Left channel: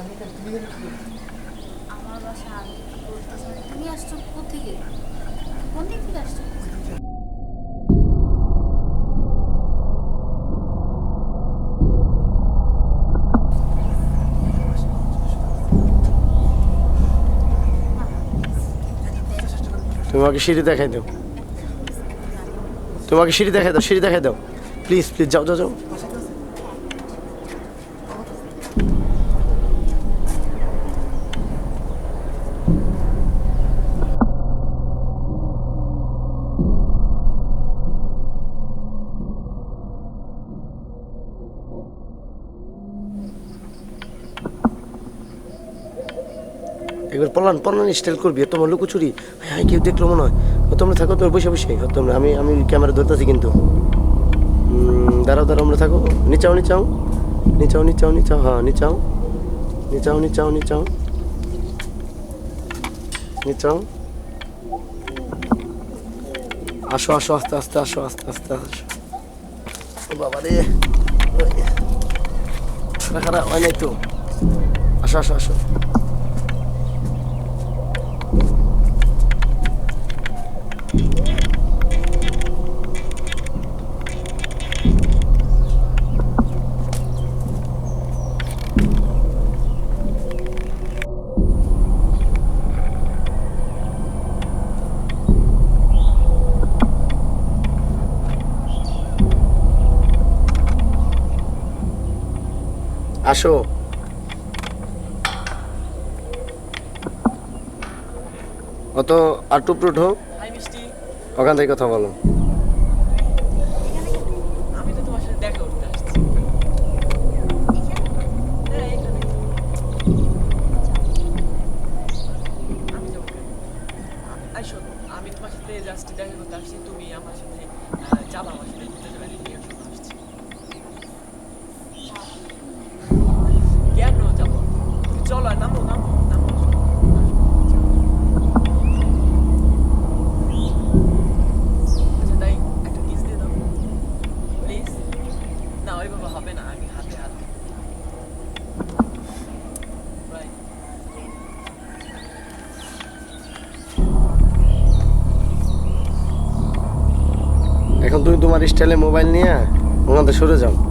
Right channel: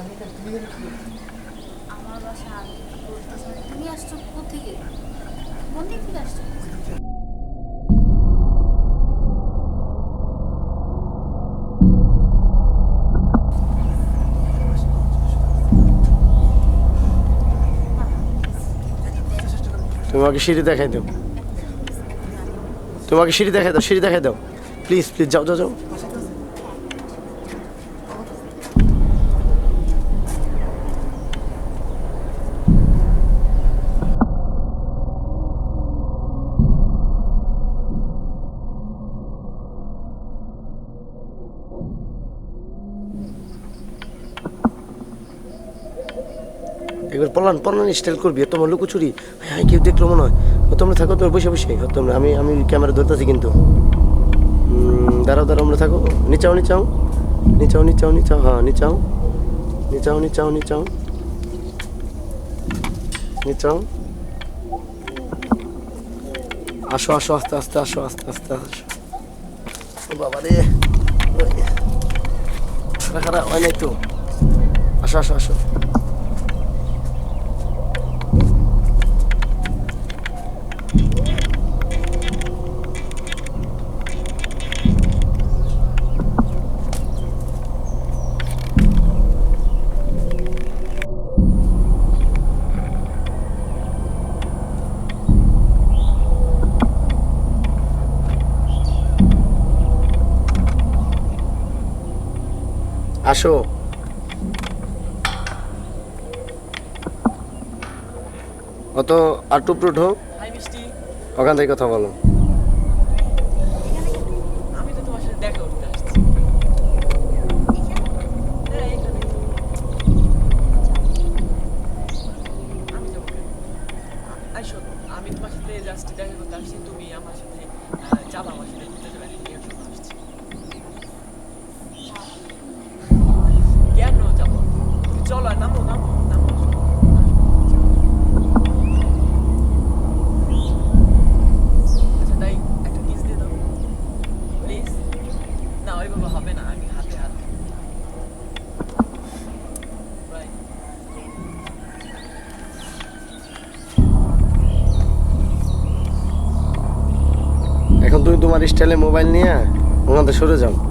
আমার বাসা আমি কি করতেছি তুমি আসছো কোথেকে কোন দিক থেকে আসছো তোমাকে সিঁড়ি দেখাই দাও তোমাকে সিঁড়ি দেখাই দাও প্লিজ প্লিজ যাও যাও যাও একবার পলান স্টাইল করবি তোমার লুকোচুরি হ্যাঁ কেউ দেখলো মনে হয় তোমরা থাকো তোমরা বসে বসে তোমরা আমি ক্যামেরা ধরতেছি কিন্তু দাঁড়াও আমরা থাকো নিচাও হ্যাঁ নিচাও আসো আস্তে আসো ও বাবা রে খারাপ হয় নাই তো আসো আসো অত আর টুপরুট হোক ওখান থেকে কথা বলো আমি তো তোমার সাথে দেখা করতে আসছি আমি যাবো আইসো আমি তোমার সাথে জাস্ট দেখা করতে আসছি তুমি আমার সাথে যাবা আমার সাথে ঘুরতে যাবে নিয়ে আসছি কেন যাবো চলো নামো আচ্ছা তাই একটা কিস দিয়ে দাও প্লিজ না ওইভাবে হবে না আগে হাতে বাই এখন তুমি তোমার স্টাইলে মোবাইল নিয়ে ওখান থেকে সরে যাও